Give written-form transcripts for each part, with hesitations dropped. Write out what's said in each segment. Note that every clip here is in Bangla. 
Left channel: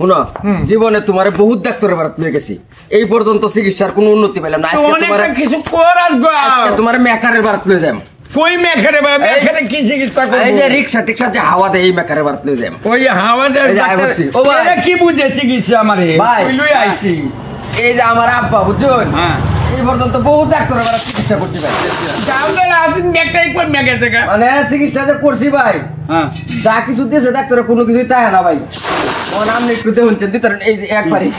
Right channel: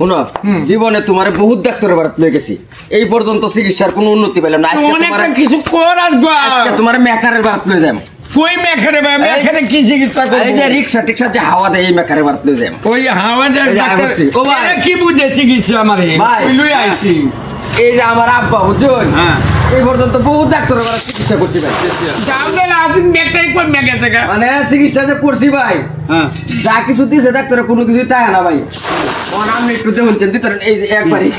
শুনো জীবনে তোমার বহুত ডাক্তারের বাড়াত লয়ে গেছি এই পর্যন্ত চিকিৎসার কোনো উন্নতি পেলাম না কিছু তোমার মেকারের বাড়াত লয়ে যাম কই মেকারে মেকারে কি চিকিৎসা করব এই যে রিকশা টিকশা যে হাওয়া দেয় এই মেকারের বাড়াত লয়ে যাম ওই হাওয়াটা কি বুঝে চিকিৎসা আমারে লই আইছি এই যে আমার আব্বা বুঝুন এই পর্যন্ত বহুত ডাক্তারের বাড়াত চিকিৎসা করছি ভাই মানে চিকিৎসা যে করছি ভাই যা কিছু দিয়েছে ডাক্তারের কোনো কিছুই তাই না ভাই নাম একটু দেখুন এই একবারই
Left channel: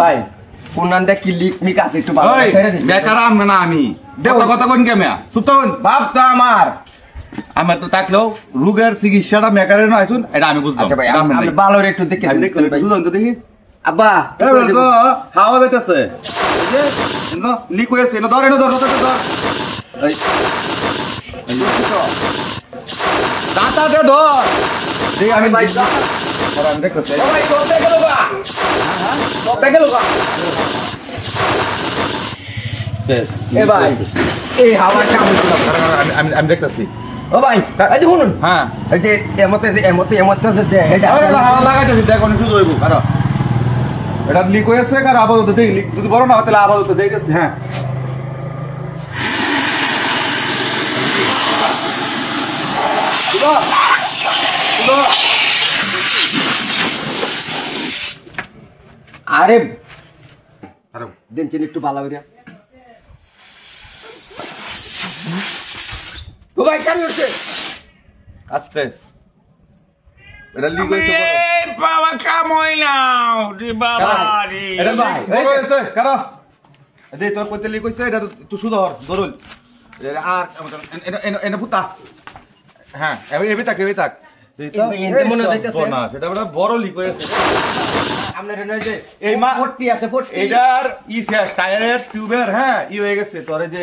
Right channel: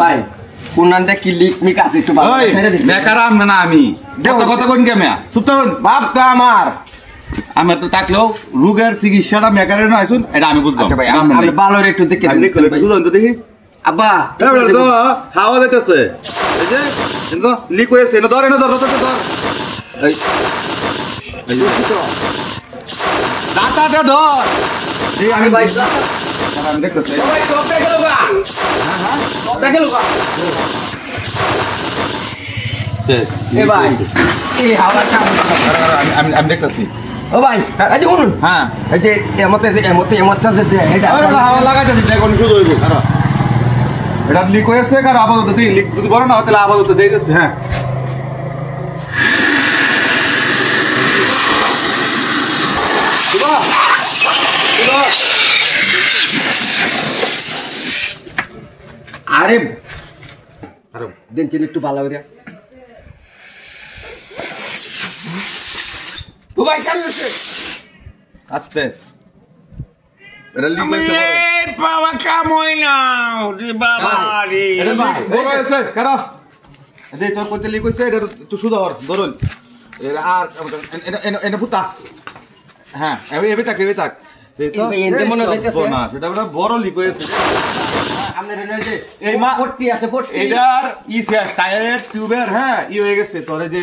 ভাই কোনান দেখ কি লিক মিক আছে একটু ভালো ছেড়ে দিন বেকারাম না আমি কথা কোন কেময়া সুতন বাপ তো আমার আমি তো তাকলেও রোগের চিকিৎসাটা মেকারের না আইছুন এটা আমি বুঝবো আচ্ছা ভাই আমি ভালো একটু দেখি আমি দেখতে বুঝুন তো দেখি আব্বা এবারে তো হাওয়া যাইতেছে এই যে লিক হয়েছে না ধরে না ধর এই দাঁতাটা ধর এই আমি ভাই আমি দেখতেছি ভাই কপে গেল গা কপে গেল গা এ ভাই এই হাওয়া কেমন আমি দেখতেছি ও ভাই এই যে শুনুন হ্যাঁ এই যে এমতে যে এটা হাওয়া লাগাইতেছি তাই কোন শুধু হইব কারণ এটা লিক হয়েছে কার আপাতত দেই লিক যদি বড় না তাহলে আপাতত দেই দিচ্ছি হ্যাঁ আরে আরে দিন চিনি একটু ভালো করে ও ভাই কেন হচ্ছে আস্তে এটা লিক হয়েছে বাবা কাম হয় না রে বাবা রে এটা বড় হয়েছে কারণ এই তোর কইতে লিক হয়েছে এটা তো শুধু হর ধরুন আর এটা পুতা হ্যাঁ এবি থাক সেটা মনে হইতাছে না সেটা বড় লিক হয়েছে আপনার হইছে এই মা পট্টি আছে পট্টি এটার শেষ টায়ার টিউবের হ্যাঁ হয়ে গেছে তোরে যে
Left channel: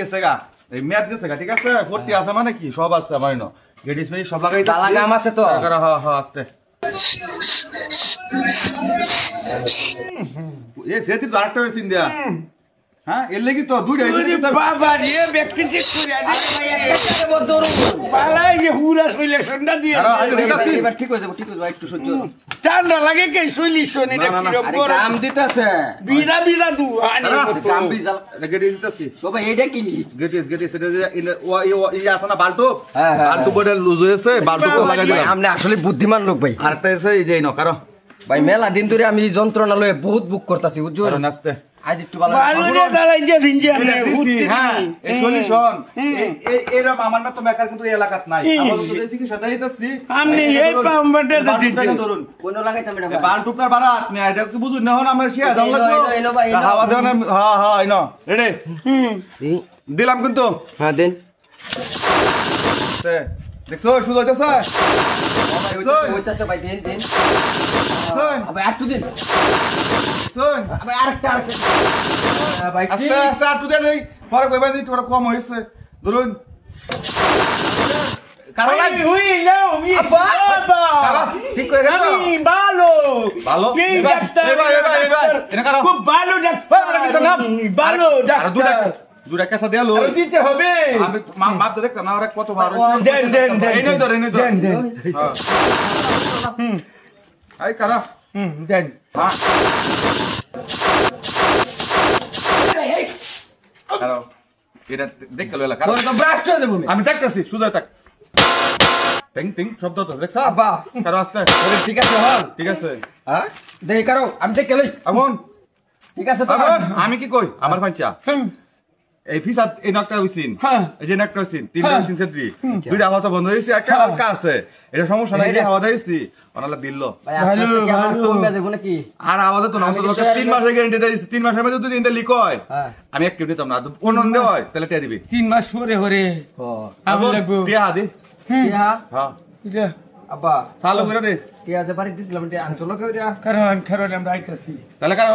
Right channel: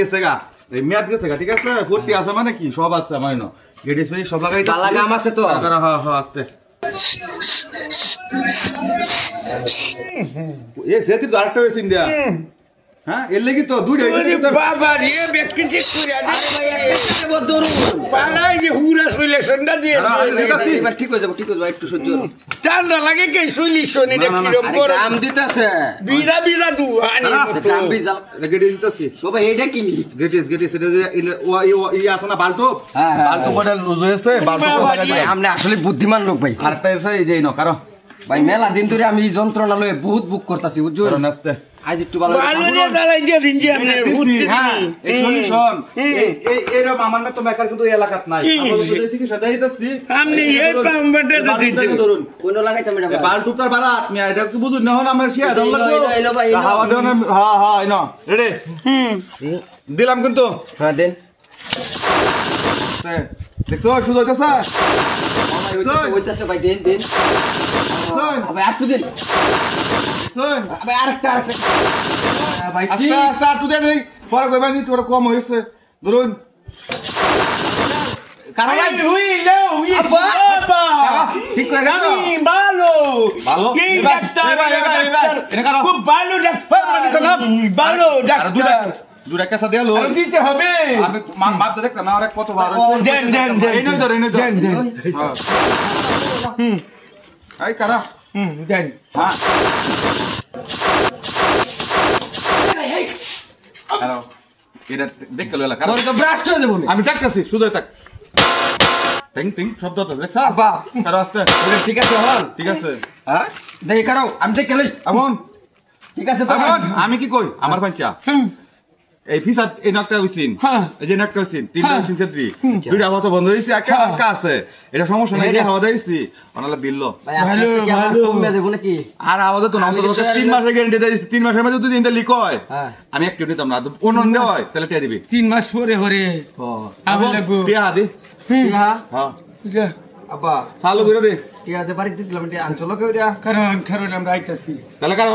গেছে গা এই মেয়াদ গেছে গা ঠিক আছে পট্টি আছে মানে কি সব আছে মানে না গেটিস মেরি সব লাগাই তালা গাম আছে তো হ্যাঁ হ্যাঁ আস্তে এ সেটি আরেকটা হয়েছে ইন্ডিয়া হ্যাঁ এর লাগি তো দুইটা বাবা রে ব্যক্তি ঠিক করে পালাই যে হুরা সলিউশনটা দিয়ে এবার ঠিক হয়ে যাবে একটু সহ্য ঠান্ডা লাগে কে সলিউশন এটা কি রকম আরে গাম দিতেছে বিজা দু আনি গাম বিজা গেটে দিতেছি তো ভাই এটা কি গেটিস এটা যে ই আছে না বালটো বালটো বড় লুজ হয়েছে বালটো আপনি আসলে বুদ্ধিমান লোক ভাই আরেকটা আছে এই যে নাও কারো ভাই মেলা দিন ধরে আমি এই যন্ত্রণা লয়ে বহুত বুক করতেছি বুঝছো নাস্তে আজ একটু ভালো রে দালাই দিয়ে দিন যে আপনি হুচ্ছি এই সলিউশন এইরকম আমার না তো মেকার কিন্তু এই এলাকাত নাই আমাদের তো দেশি কি সাথে হইতাছি আপনি এই পাম্পটা তো দিতে ধরুন কোন লাগাইতাম এটা বালটুকার বাড়া আপনি এটা কি বুঝুন না হন আমার শিয়া দাও লাগবে হাওয়া দেন হ্যাঁ হ্যাঁ আইনো রেডি দিলাম কিন্তু হ্যাঁ দেন দেখছো শুধু হইতাছে হইতাছে ভাই দেন আবার একটু দেন শুন আবার আরেকটা ভাই আস্তে আস্তে একটু দেন এই পরে কইবা দি তোর কম হইছে ধরুন কারণ উই নাও উই বাবা ঠিক করে গেছো ভালো ভালো এই ডাক্তার এবার এটা কারো খুব ভালো ডাক্তার ভালো ডাক্তার দুটা কাঁচা দেয়ালো দিতে হবে আমি মাপতে দেখতাম না আরে কত ভালো দেন এই নই ধর দেন আই কারা দেন হ্যালো এটা দেখতে লইলা কারা তোর তো ব্রাস্ট হয়ে যাবে আমি দেখতাছি শুধু থাক টিং টিং শব্দ হচ্ছে দেখছ আব্বা কারো আসতে ঠিক আছে হল ঠিক আছে হ্যাঁ দেখি কারো আমি দেখে লই আমন ঠিক আছে তো আমি কি কই আমার পাঞ্চা এই ফিসাদ এই নাকটা হইছিন এই যে নাকটা হইছিন তিনটা হইছিন সেদ্রি দুইটা আমার তো বন্ধ হইছে একটা হালকা আছে এটা সমস্যা নাই যে হাওয়া দিছি অনালা বিললো ভালো ভালো কমবে দেব নাকি আর আওয়াজ তো নাম তো 3 মাসের গ্যারান্টি দিছি 3 মাসের মধ্যে যদি ইনটা লিক হয় আমি এক কিলো দিতাম না কোন নন্দে হয় তাহলে কে দিবি 3 মাস পরে পরে আমি লাগবো কে আদি হ্যাঁ হ্যাঁ এটা আব্বা চালু করে দে কি আছে বাড়ি দিছিলাম এটা আনচলো কেউ রে কারণ আমরা আইতাছি তাহলে কারো